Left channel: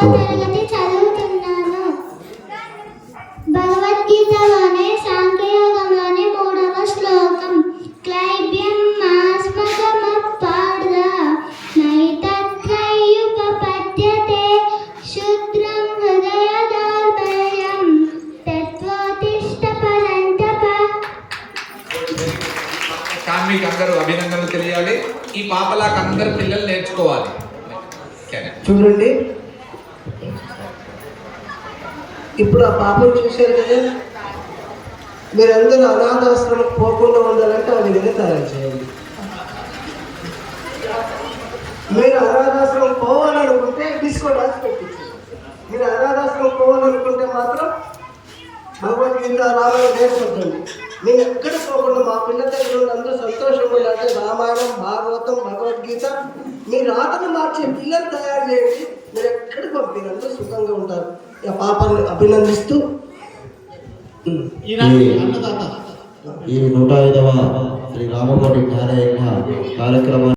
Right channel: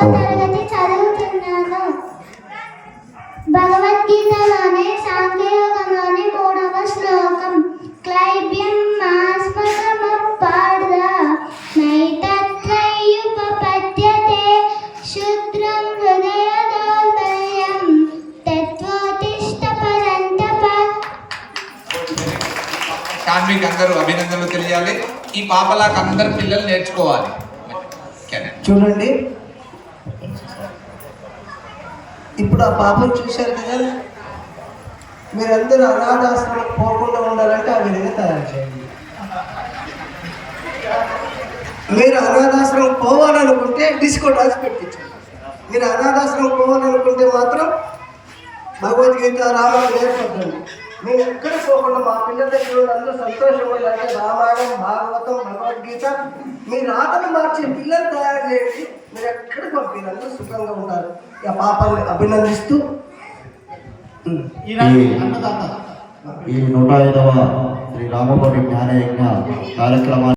తరగతి చదువుతున్నాను. భగవద్గీతలోని సాంఖ్యయోగంలోని 3వ శ్లోకం క్లైబ్యం మాస్మకముపార్థ నైతత్రయ్యుపపద్యతే శూద్రం హృదయదౌర్బల్యం తత్వోత్తిష్ట పరంతప. మీకు అందరూ అభినందనలు తెలియాలి. ఈ పాపలాగా అందరు పిల్లలు నేర్చుకోవాలి. చూడండి, ఇప్పుడు ఆ పాపను చూశారు కదా, మీరందరూ అనాథాశ్రమం పోకుండా ఉండాలంటే ఆ విధంగా తయారు చేయండి. మీరు అనాథాశ్రమం పోవాలనుకుంటే డిస్కో డాన్స్ పెట్టించండి. మీరు అనాథాశ్రమం పోవాలనుకుంటే మాత్రం భగవద్గీత రామాయణం నేర్పడండి. మేము ఎక్కడ పోకుండా మా పిల్లల దగ్గర అందరూ సంతోషంగా ఉండాలంటే రామాయణం, భాగవతం, భగవద్గీత మీరు ఆటలు మార్చే పిల్లలు తయారు చేయండి. మీరు ఎక్కడికి పంపినందుకు సుఖంగా ఉంటారు. ఆ పాపాన్ని అభినందిస్తూ ఈ 105వ శ్రీ రామకోటి జ్ఞానయజ్ఞ కార్యక్రమాన్ని